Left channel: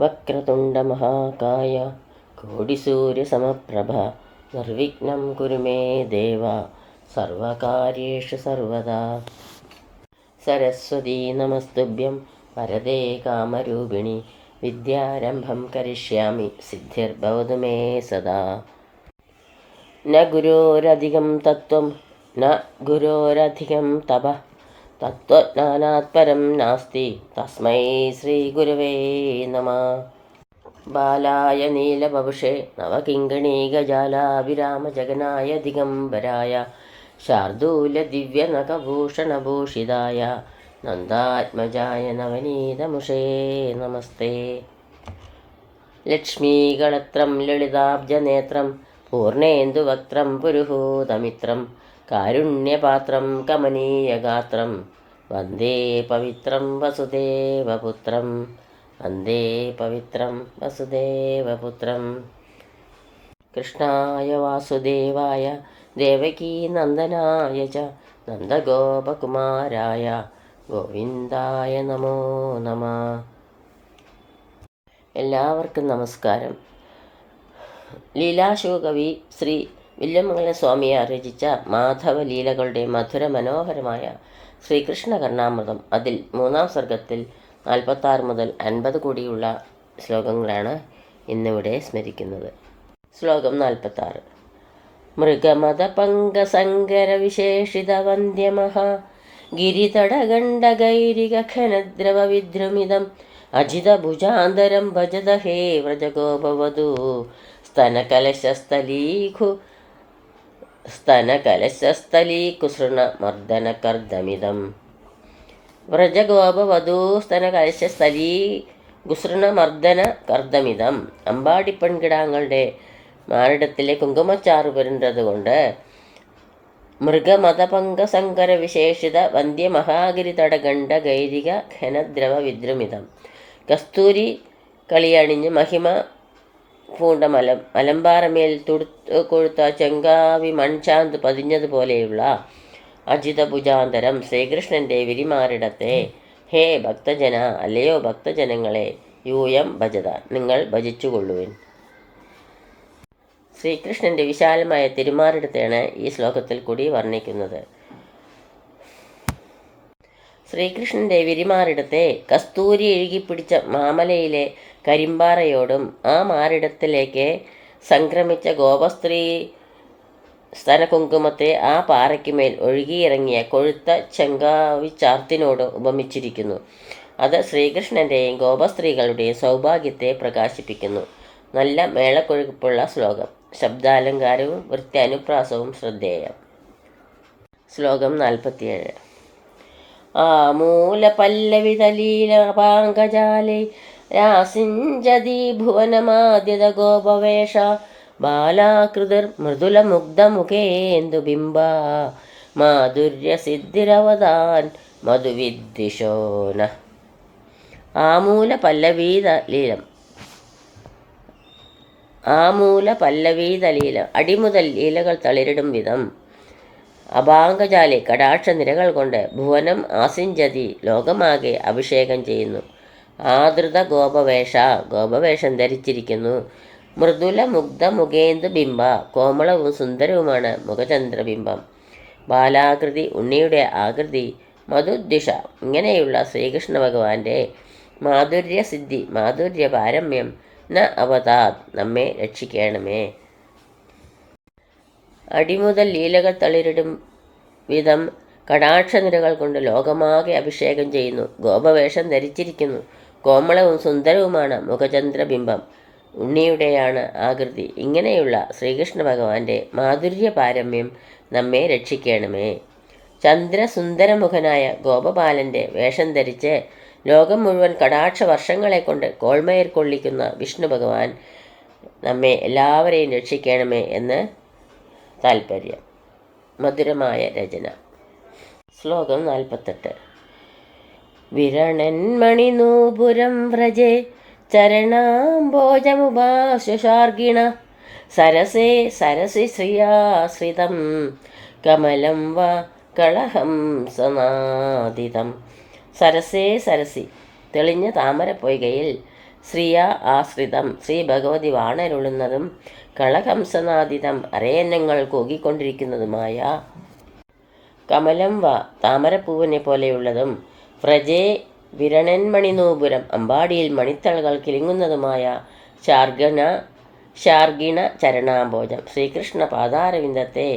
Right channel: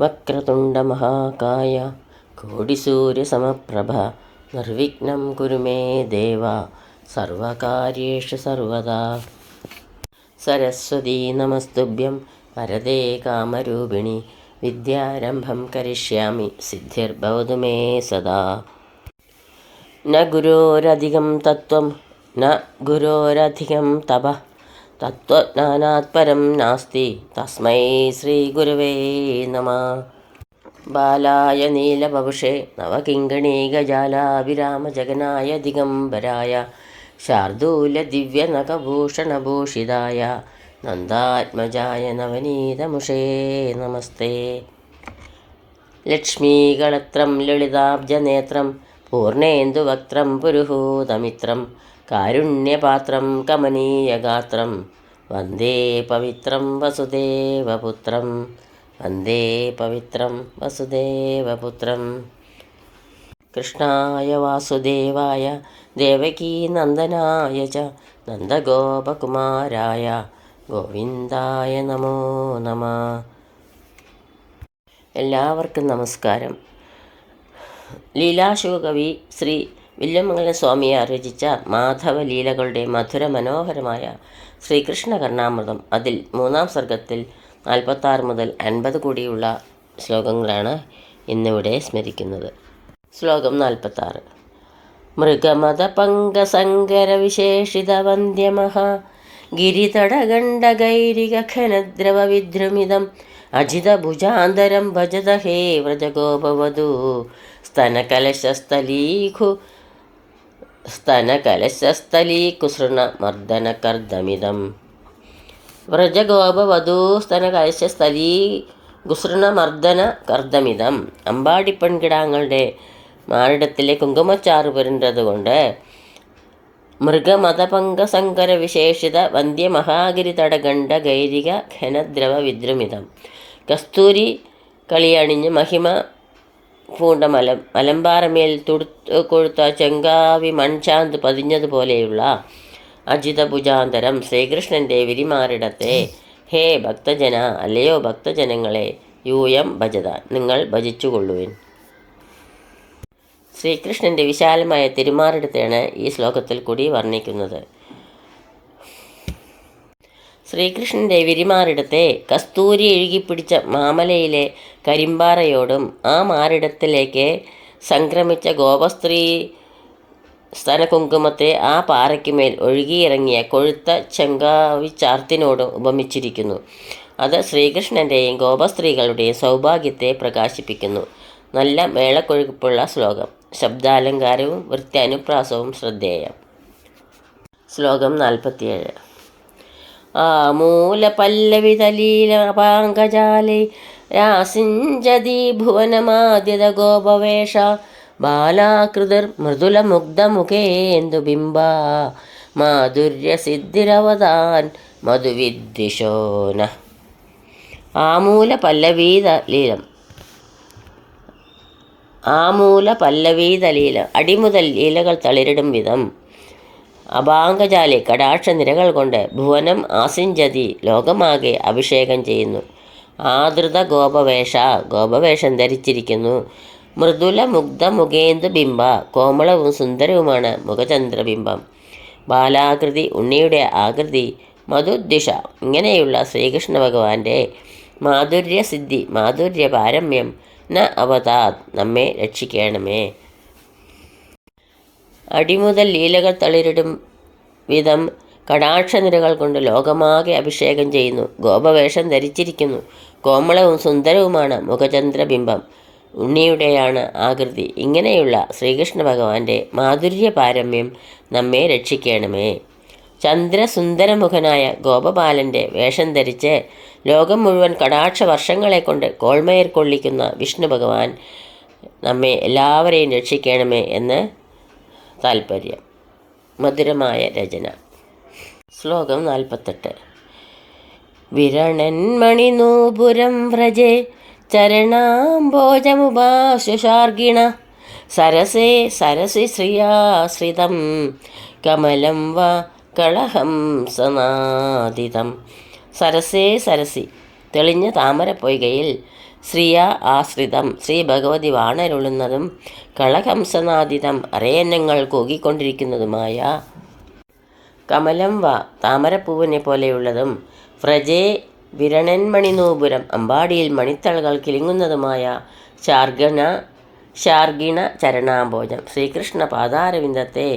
വക്രതുണ്ടമഹാകായ കോടിസൂര്യസമപ്രഭ നിർവിഘ്നം കുരു മേ ദേവ സർവകാര്യേഷു സർവദാ. സരസ്വതീ നമസ്തുഭ്യം വരദേ കാമരൂപിണി വിദ്യാരംഭം കരിഷ്യാമി സിദ്ധിർഭവതു മേ സദാ. ന ഗുരോരധികം തത്വം ന ഗുരോരധികം തപ. തത്വജ്ഞാനാത് പരം നാസ്തി. തസ്മൈ ശ്രീഗുരവേ നമ. ബാലായ നീലപവുഷേ നവകിങ്കണീകജാലാവിരാമജഗനായ ദിഗംബരായ ശാർദൂലദിവ്യനഖഭൂഷണഭൂഷിതായ നന്ദാത്മജായ നവനീതമുഷേ നമസ്തേ. ലക്ഷ്മീകളത്രം ലളിതാബ്ജനേത്രം പൂർണേന്ദുവക്ത്രം പുരുഹൂതമിത്രം കാരുണ്യപാത്രം കമനീയഗാത്രം. വന്ദേ പവിത്രം വസുദേവപുത്രം. വന്ദേ പവിത്രം വസുദേവപുത്രം. കൃഷ്ണായ വാസുദേവായ ദേവകീനന്ദനായ ച നന്ദഗോപകുമാരായ ഗോവിന്ദായ നമോ നമ. എല്ലാവർക്കും നമസ്കാരം. ലീലാശിവകവി ശ്രീ വില്യമംഗലം സ്വാമിയെ രചിച്ച മാധവ ലീലകളുടെ മധുര മനോഹരമായ ശ്രീകൃഷ്ണ കർണാമൃതം അതിൽ മൂന്നാം സർഗത്തിൽ നാൽപ്പത്താറ് മുതൽ അൻപത് കൂടിയുള്ള ശ്ലോകങ്ങളാണ് ഇന്നിവിടെ സ്മരിക്കുന്നത്. ശ്ലോകം നാൽപ്പത്താറ്. മൃഗമത പങ്കസങ്കര വിശേഷിത വന്ദ്യമഹാ ഗിരിതടഗണ്ഡഗൈരിക ഖനദ്രവ വിദ്രുമിതം അജിതഭുജാന്തരം ഭജത ഹേ വ്രജഗോപവധൂ സ്തനകലശസ്ഥലീഖു സ്തനകലശസ്ഥലീകുസൃണ മർദ്ദനകർദ്ദമിതം വ്രജഗോപവധൂ സ്തനകലശസ്ഥലീ ഗുസൃണമർദ്ദന കർദ്ദമിതം അമ്പാടിപ്പെൺകിടാങ്ങളുടെ മാറിടത്തിലെ കുങ്കുമച്ചാറ് പുരണ്ടതുകൊണ്ട് മൃഗമതപങ്കസങ്കര വിശേഷിത വന്ധ്യമഹാഗിരി തടകണ്ഡ ഗൈരിക ഘനദ്രവ വിദ്രുമിതം കസ്തൂരി കളിയണിഞ്ഞ് മഹിമ പൂണ്ട മലം. മലമ്പാറമേൽ തുടുത്ത് കൊഴുത്ത ചെങ്കാവി മൺചാന്ത് പതിഞ്ഞതുപോലെയുള്ള അജിതഭുജാന്തരം ശ്രീകൃഷ്ണന്റെ വിരിമാറിടത്തെ. ഹേ ഭക്തജന അല്ലയോ ഭക്തജനങ്ങളെ യൂയം ഭജത നിങ്ങൾ ഭജിച്ചുകൊള്ളുവിൻ. ശ്രീകൃഷ്ണന്റെ വിശാലമായ തിരുമാറിടത്തെയാണ് ഈ ശ്ലോകത്തിൽ കൂടി വർണിക്കുന്നത്. ശ്രീകൃഷ്ണന്റെ വിരിമാറിടത്തെ കസ്തൂരി എഴുകിപ്പിടിച്ച മാമലയിലെ കരിമ്പാറയോടും ആ മാറിടത്തിലേക്ക് സംക്രമിച്ച ഗോപസ്ത്രീ സ്തനകുങ്കുമത്തെ ആ പാറയ്ക്കുമേൽ ഒഴുകിയിറങ്ങിയ കൊഴുത്ത ചെങ്കാവിച്ചാർത്തിനോടും ഉപമിച്ചിരിക്കുന്നു. അത് ശ്രീകൃഷ്ണന്റെയും ഗോപസ്ത്രീകളുടെയും സൗഭാഗ്യത്തെ പ്രകാശിപ്പിക്കുന്നു. നല്ല മേളക്കൊഴുപ്പുള്ള ശ്ലോകം. ശബ്ദാലങ്കാരവും വൃത്തി അനുപ്രാസവും ശ്രദ്ധേയം. ശ്ലോകം നാൽപ്പത്തിയേഴ്. ആമൂലപല്ലവിതലീലപാങ്കജാലേ രാസിഞ്ചതി ഭുവനമാദ്യത ഗോപവേഷ ബിംബ മൃദുലമുഗ്ധമുഖേന്ദുബിംബ മാധുര്യസിദ്ധിരവതാൻ മധുവിദ്വിഷോന ആമൂല പല്ലവീത ലീലം ആമൂല പല്ലവീതലീല അടിമുതൽ ലീലകൾ തളിരിടും വിധം. അപാങ്കജാലി കടാക്ഷ നിരകൾ കൊണ്ട് ഭുവനം ആസിഞ്ചതി ലോകമാകെ അഭിഷേകം ചെയ്യുന്നു. ആദൃത ഗോപവേഷ ഗോപവേഷം ധരിച്ചിരിക്കുന്നു. മൃദുല മുഗ്ധ മുഖേന്ദു ബിംബ കോമളവും സുന്ദരവുമാണ് മുഖചന്ദ്രബിംബം ബാലാകൃതി ഉണ്ണിയുടെ ആകൃതി മധുദ്ദിഷ ഇങ്ങനെയുള്ള ശ്രീകൃഷ്ണ ഭഗവാന്റെ മാധുര്യസിദ്ധി മാധുര്യ പാരമ്യം ന അവതാത് നമ്മെ രക്ഷിക്കണമേ. അടിമുതൽ ലീലകൾ തളിരിടും വിധം കടാക്ഷനിരകൾ കൊണ്ട് ലോകമാകെ അഭിഷേകം ചെയ്യുന്നു. ഗോപവേഷം ധരിച്ചിരിക്കുന്നു. കോമളവും സുന്ദരവുമാണ് മുഖചന്ദ്രബിംബം. ഉണ്ണിയുടെയാണ് ആകൃതി. ഇങ്ങനെയുള്ള ശ്രീകൃഷ്ണ ഭഗവാന്റെ മാധുര്യ പാരമ്യം നമ്മെ രക്ഷിക്കണമേ. ചന്ദ്രസുന്ദരമുഖനായ ഗോപബാലന്റെ വേഷം ധരിച്ച് ലോകം മുഴുവൻ കടാക്ഷ വർഷങ്ങളെ കൊണ്ട് കോൾമയർ കൊള്ളിക്കുന്ന വിഷ്ണു ഭഗവാൻ നമ്മെ എല്ലാവരെയും രക്ഷിക്കണമേ എന്ന് താൽപ്പര്യം മധുരമായ രചന. ശ്ലോകം നാൽപ്പത്തെട്ട്. വിരണന്മണിനൂപുരം വ്രജേ ചരണാംബോജമുപാശുഷാർഗിണ സരസേ സരസി ശ്രിയാശ്രിതം. കമലം വാ കളഹം സനാദിതം സരസേ സരസി തെളിഞ്ഞ താമരപ്പൊയ്കയിൽ ശ്രീയ ആശ്രിതം. ശ്രീ ഭഗവതി വാണരുളുന്നതും കളഹംസനാദിതം അരയന്നങ്ങൾ കൂകിക്കൊണ്ടിരിക്കുന്നതുമായ കമലം വ താമരപ്പൂവിനെ പോലെയുള്ളതും വ്രജേ വിരണന്മണിനൂപുരം അമ്പാടിയിൽ മണിത്തളകൾ കിളിങ്ങുന്നതുമായ ശാർഗണ ശാർഗിണ ചരണാംബോജം. ശ്രീകൃഷ്ണ പാതാരവിന്ദത്തെ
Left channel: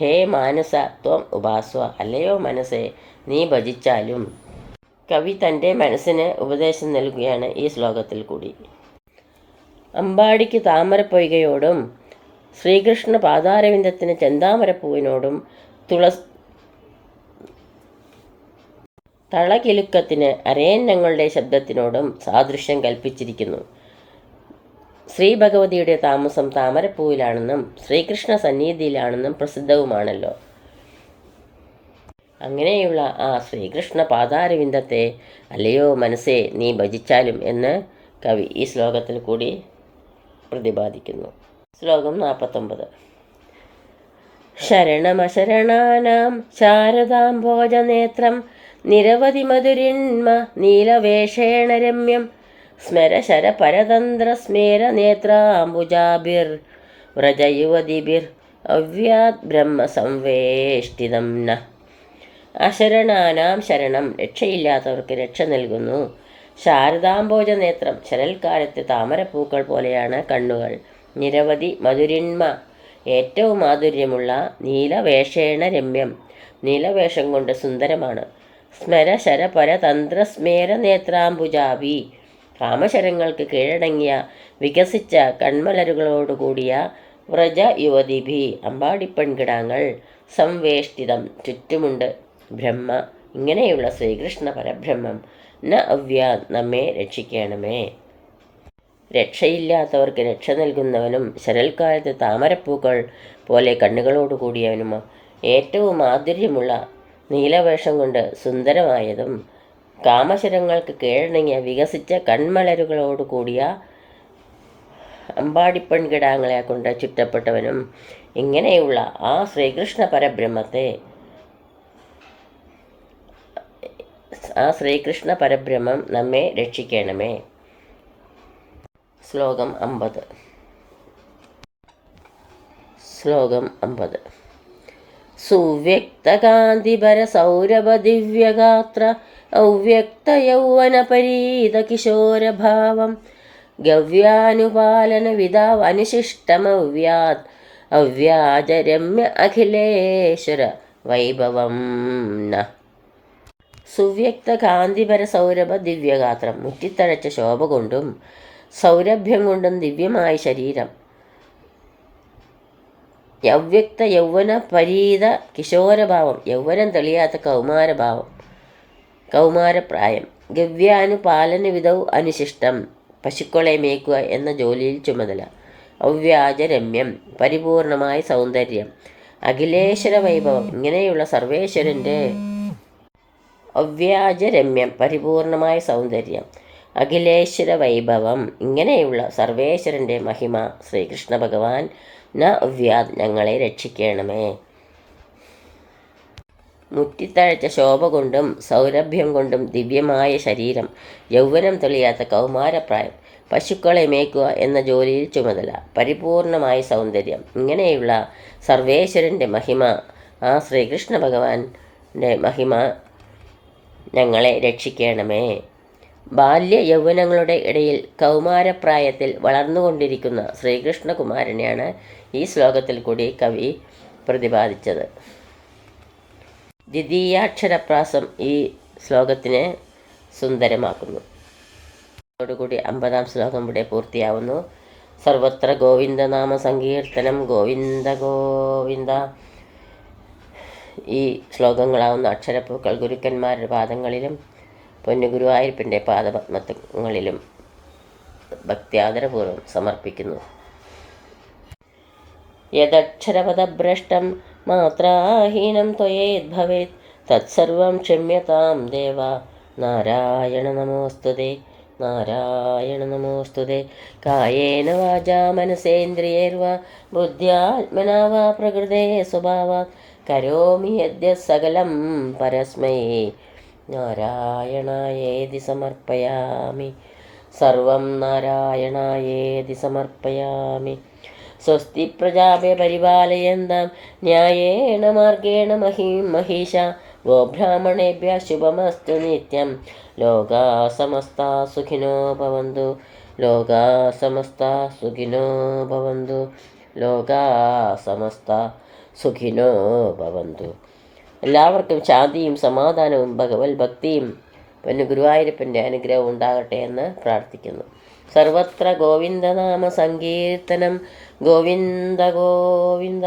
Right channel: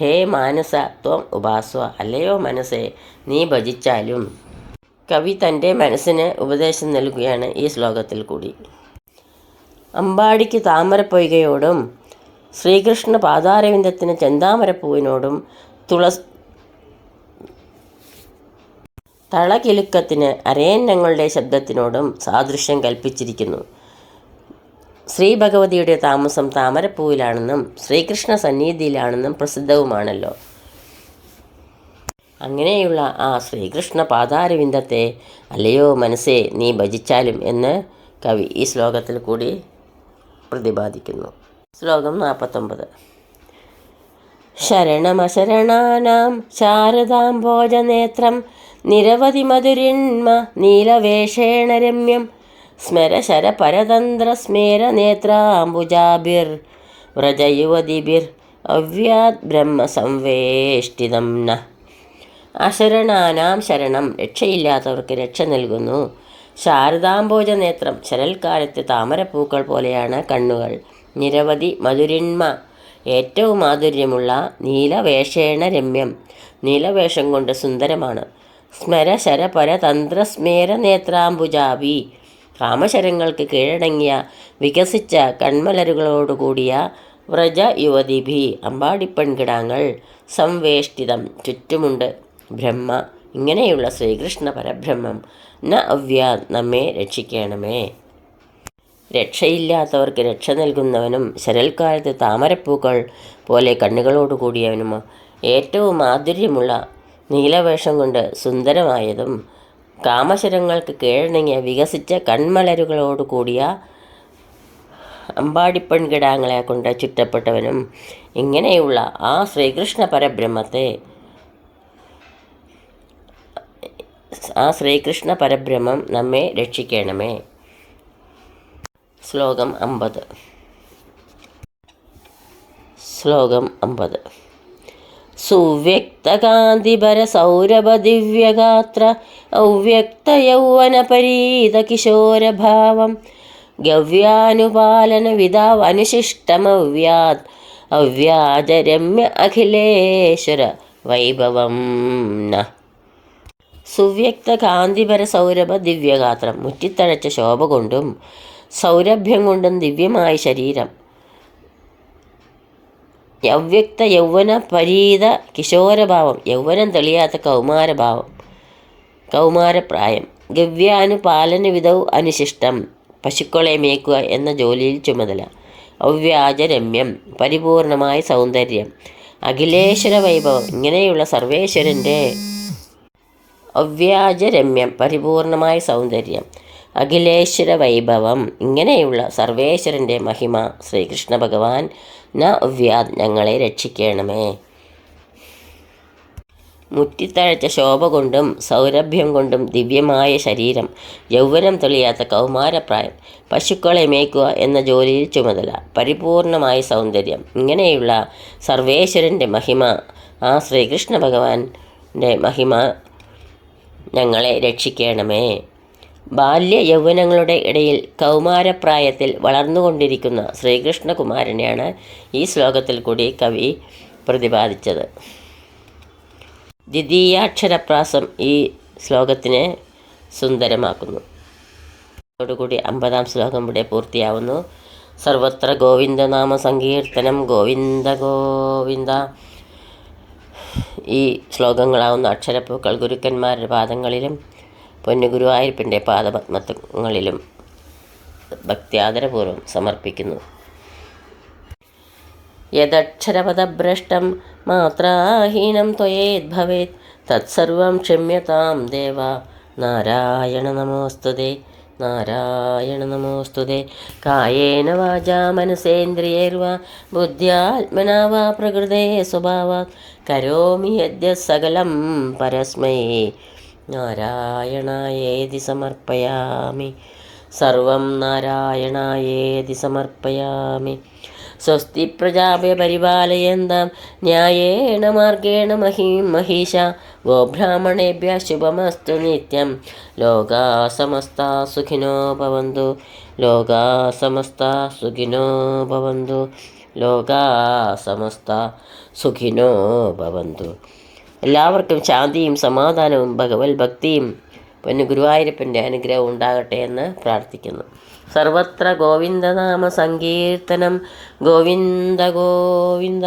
ഹേ മാനസ ത്വം ഉപാസ്വ അല്ലയോ മനസ്സെ നീ ഭജിച്ചാലും. കവി തന്റെ മനസ്സിന് ഉപദേശം നൽകുകയാണ് ഈ ശ്ലോകത്തിൽ കൂടി. അമ്പാടിക്ക് താമരപ്പൊയ്കയോടും ശ്രീകൃഷ്ണ പാതാരവിന്ദത്തിന് ചെന്താമരപ്പൂവിനോടും തുളസ് തളകിലുക്കത്തിന് അരയന്നങ്ങളുടെ ശബ്ദത്തിനോടും സാദൃശ്യം കൽപ്പിച്ചിരിക്കുന്നു. ശ്രീ ഭഗവതിയുടെ താമസം താമരപ്പൂവിലാണെന്നും ശ്രീകൃഷ്ണ സന്നിധിയിലാണെന്നും പ്രസിദ്ധവുമാണല്ലോ. അങ്ങനെയുള്ള ആ ശ്രീകൃഷ്ണ പാതാരവിന്ദത്തെ അല്ലയോ മനസ്സേ നീ ഭജിച്ചാലും എന്ന് കവി ഈ ശ്ലോകത്തിൽ കൂടി പ്രതിപാദിക്കുന്നു. ശ്ലോകം നാൽപ്പത്തൊമ്പത്. ശരണമശരണാനാം ശാരദാംഭോജനേത്രം നിരവധി മധുരിന്മ നീലവേഷേണ രമ്യം സ്മരശര പരതന്ത്ര സ്മേര നേത്രാംബുജാഭിർ വ്രജയുവതിഭിർ അവ്യാത് ബ്രഹ്മ സംവേഷ്ടിതം ന അശരണാനാം ശരണം. രക്ഷയില്ലാത്തവർക്ക് രക്ഷ നൽകുന്നു. ശാരദാംബോജ നേത്രം ശരൽക്കാലത്ത് താമരപ്പൂക്കൾ പോലെയാണ് കണ്ണുകൾ. നിരവധി മധുരിന്മ. ഏറ്റവും മാധുര്യമുള്ള നീലവേഷേണ രമ്യം നീലവേഷം കൊണ്ട് സുന്ദരമാണ്. സ്മര ശരപര തന്ത്ര സ്മേര നേത്രാംബുജാവി കാമശരങ്ങൾക്ക് കീഴടങ്ങിയ വികസിച്ച കൺമലരുകളോടുകൂടിയ വ്രജ യുവതിഭി അമ്പാടിപ്പെൺകിടാങ്ങൾ. സംവേഷ്ടിതം. ചുറ്റുമുണ്ട്. ബ്രഹ്മ. ഇങ്ങനെയുള്ള ശ്രീകൃഷ്ണ പരബ്രഹ്മം ന അവ്യാ നമ്മെ രക്ഷിക്കണമേ. രക്ഷയില്ലാത്തവർക്ക് രക്ഷ നൽകുന്നവനും ശരൽക്കാലത്ത് താമരപ്പൂക്കൾ പോലെ കണ്ണുകളോട് കൂടിയവനും ഏറ്റവും മാധുര്യമുള്ള നീലവേഷം കൊണ്ട് സുന്ദരമായതും കാമശരങ്ങൾക്ക് കീഴടങ്ങിയ വികസിച്ച കൺമലരുകളോട് കൂടിയ അമ്പാടിപ്പെൺകിടാങ്ങളെ കൊണ്ട് ചുറ്റപ്പെട്ടവനും ഇങ്ങനെയുള്ള ആ ശ്രീകൃഷ്ണ പരബ്രഹ്മത്തെ ആ ശ്രീകൃഷ്ണ പരബ്രഹ്മം നമ്മെ രക്ഷിക്കണമേ. ശ്ലോകം അമ്പത്. ശ്ലോകം അമ്പത്. സുവ്യക്തകാന്തിപരസൗരഭദിവ്യഗാത്ര സൗരഭ ദിവ്യഗാത്ര ഔവ്യക്ത യൗവന പരീത കിശോരഭാവം ഗവ്യാനുപാലന വിധാവ് അനുശിഷ്ടമവ്യാത് അവ്യാജരമ്യ അഖിലേശ്വര വൈഭവം ന. സുവ്യക്ത കാന്തിപര സൗരഭ ദിവ്യഗാത്രം. മുറ്റിത്തഴച്ച ശോഭ കൊണ്ടും സൗരഭ്യം കൊണ്ടും ദിവ്യമായ ശരീരം. അവ്യക്ത യൗവന പരീത കിശോരഭാവം. യൗവനം തെളിയാത്ത കൗമാരഭാവം. കൗമാരപ്രായം. ഗവ്യാനുപാലന വിധവും അനുശിഷ്ടം. പശുക്കളെ മേക്കുക എന്ന ജോലിയിൽ ചുമതല. അവ്യാജരമ്യം. പരിപൂർണമായ സൗന്ദര്യം. അഖിലേശ്വര വൈഭവം ഇങ്ങനെയുള്ള സർവേശ്വരന്റെ അവ്യാജരമ്യം പരിപൂർണമായ സൗന്ദര്യം അഖിലേശ്വര വൈഭവം ഇങ്ങനെയുള്ള സർവേശ്വരന്റെ മഹിമ ശ്രീകൃഷ്ണ ഭഗവാൻ ന അവ്യാദ് ഞങ്ങളെ രക്ഷിക്കണമേ. മുറ്റിത്തഴച്ച ശോഭ കൊണ്ടും സൗരഭ്യം കൊണ്ടും ദിവ്യമായ ശരീരം യൗവനം തെളിയാത്ത കൗമാരപ്രായം പശുക്കളെ മേയ്ക്കുക എന്ന ജോലിയിൽ ചുമതല പരിപൂർണമായ സൗന്ദര്യം. ഇങ്ങനെയുള്ള സർവേശ്വരന്റെ മഹിമ ആ ശ്രീകൃഷ്ണ ഭഗവാന്റെ മഹിമ ഞങ്ങളെ രക്ഷിക്കണമേ. ബാല്യ യൗവനങ്ങളുടെ ഇടയിൽ കൗമാരപ്രായത്തിൽ വളർന്നുകൊണ്ടിരിക്കുന്ന ശ്രീകൃഷ്ണകുമാരനെയാണ് ഈ ശ്ലോകത്തിൽ കൂടി കവി പ്രതിപാദിച്ചത്. ദ്വിതീയാക്ഷരപ്രാസം ഈ ശ്ലോകത്തിനെ സുന്ദരമാക്കുന്നു. അതോടുകൂടി അമ്പതാം ശ്ലോകം ഇവിടെ പൂർത്തിയാവുന്നു. സർവത്ര ഗോവിന്ദനാമ സങ്കീർത്തനം ഗോവിന്ദ ഗോവിന്ദ. ഈ ശ്ലോകങ്ങളാവുന്ന അക്ഷരപ്പൂക്കൾ ഗുരുക്കന്മാരുടെ പാദങ്ങളിലും പൊന്നുഗുരുവായൂരപ്പന്റെ പാദപത്മങ്ങളിലും ഭക്തിയാദരപൂർവം സമർപ്പിക്കുന്നു. യദക്ഷരപദഭ്രഷ്ടം മാത്രാഹീനം ത്വയേദ്ഭവേത് തത്സർവം ക്ഷമ്യതാം ദേവ നാരായണ നമോസ്തുതേ. നാരായണ നമോസ്തുതേ. കായേന വാചാ മനസേന്ദ്രിയേർവാ ബുദ്ധ്യാത്മനാവാ പ്രകൃതേ സ്വഭാവാ. കരോമി യദ്യ സകലം പരസ്മൈ. നാരായണായേതി സമർപ്പയാമി. സർവം നാരായണായേതി സമർപ്പയാമി. സ്വസ്തി പ്രജാപയ പരിപാലയന്താം. ന്യായേണ മാർഗേണ മഹീം മഹീഷ ഗോബ്രാഹ്മണേഭ്യ ശുഭമസ്തു നിത്യം സമസ്ത സുഖിനോ ഭവന്തു ലോകാ സമസ്ത സുഖിനോ ഭവന്തു ലോകാ സമസ്ത സുഖിനോ ഭവന്തു എല്ലാവർക്കും ശാന്തിയും സമാധാനവും ഭഗവത് ഭക്തിയും പൊന്നു ഗുരുവായൂരപ്പന്റെ അനുഗ്രഹം ഉണ്ടാകട്ടെ എന്ന് പ്രാർത്ഥിക്കുന്നു. സർവത്ര ഗോവിന്ദനാമ സങ്കീർത്തനം. ഗോവിന്ദ ഗോവിന്ദ